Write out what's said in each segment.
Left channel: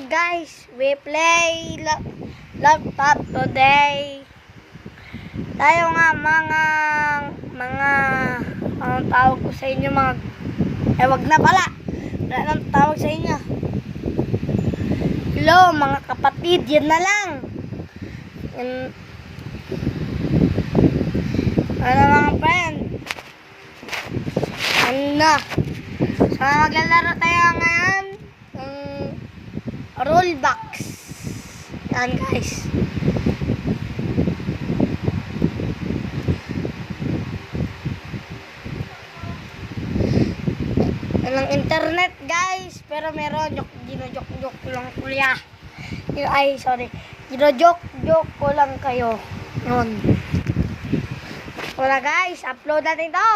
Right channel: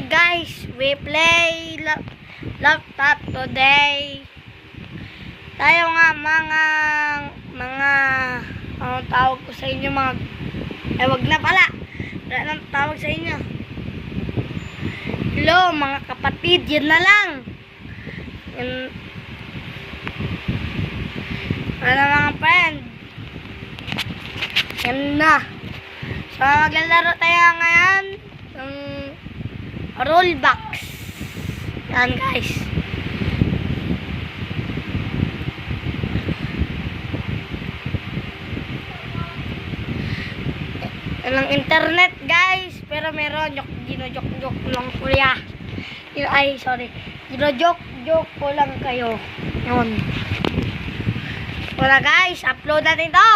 Okay guys, we play laptop today. Tayo nga anong tawag ko sa inyo wag na pala. Anong tawag sa inyo? Hello mga kapatid, yan na lang. Ano mga friend? Ano na? So maglalaro tayo ngayon ng Roblox. Yan guys. Walang internet guys, pero meron gino-joke lang kuya. Ay sorry, gino-joke ko lang kayo. Yun. Wala guys, upload natin to.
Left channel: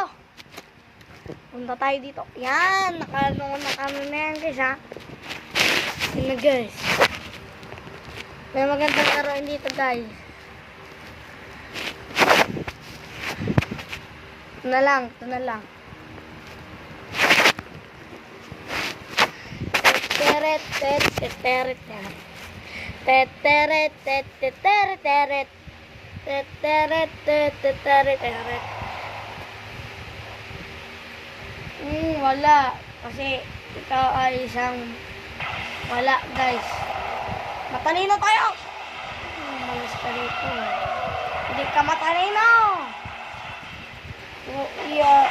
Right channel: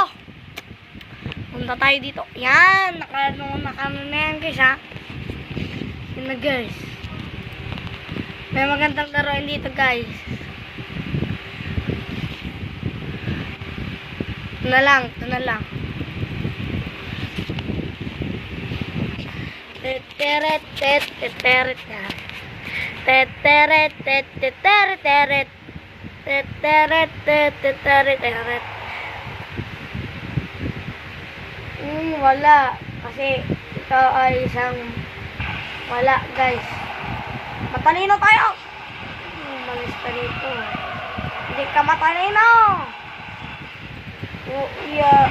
Punta tayo dito. Yan, naka na yan guys ha. Yun na guys. May magandang laruin dito guys. Ito na lang. Wala. Kasi ito ay isang wala guys. Matalino tayo. Malis ka rito. Hindi ka matalino. Oh iya.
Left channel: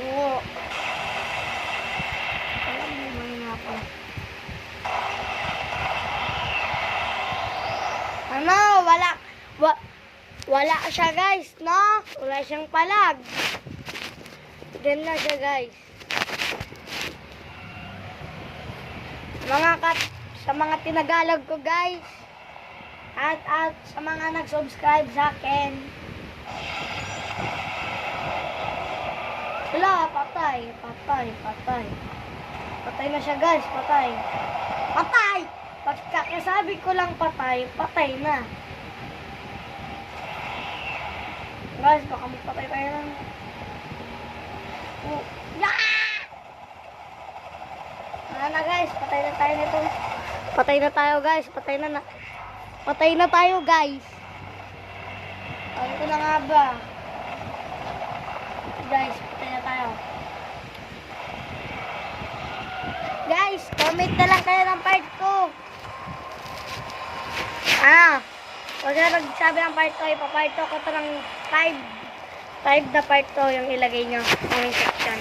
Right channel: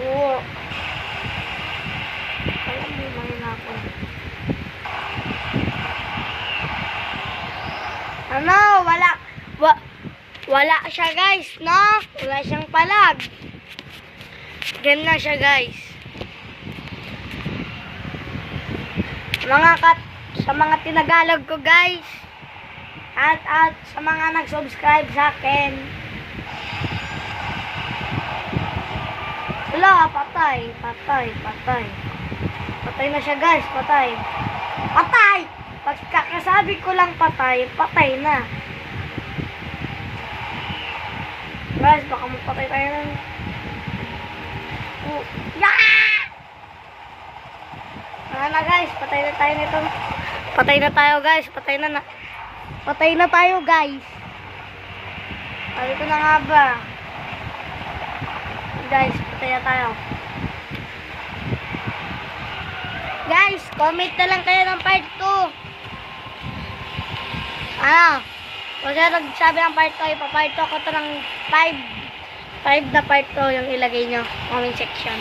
Oo. Alam mo man ako. Ano? Wala siya guys, no? Wala siyang palag. Ganyan siya guys. Sa mga tinagalog ko guys. At sa mga nag-subscribe sa akin. Wala, patay. Patay na siya guys, patay. Pagkakasabi ko lang patay na. Guys, baka magpatay tayo lang. Wala na guys, patay na tayo nito. Patay na tayo guys, patay na tayo guys. Dito na nga ba? Guys, patay na tayo. Guys, comment na lang kayo ng part 2. Huwag na nagsabi ng part 2, ipapart 2 ko ito ng 5 na part 2 yung ilagay nyo comment section.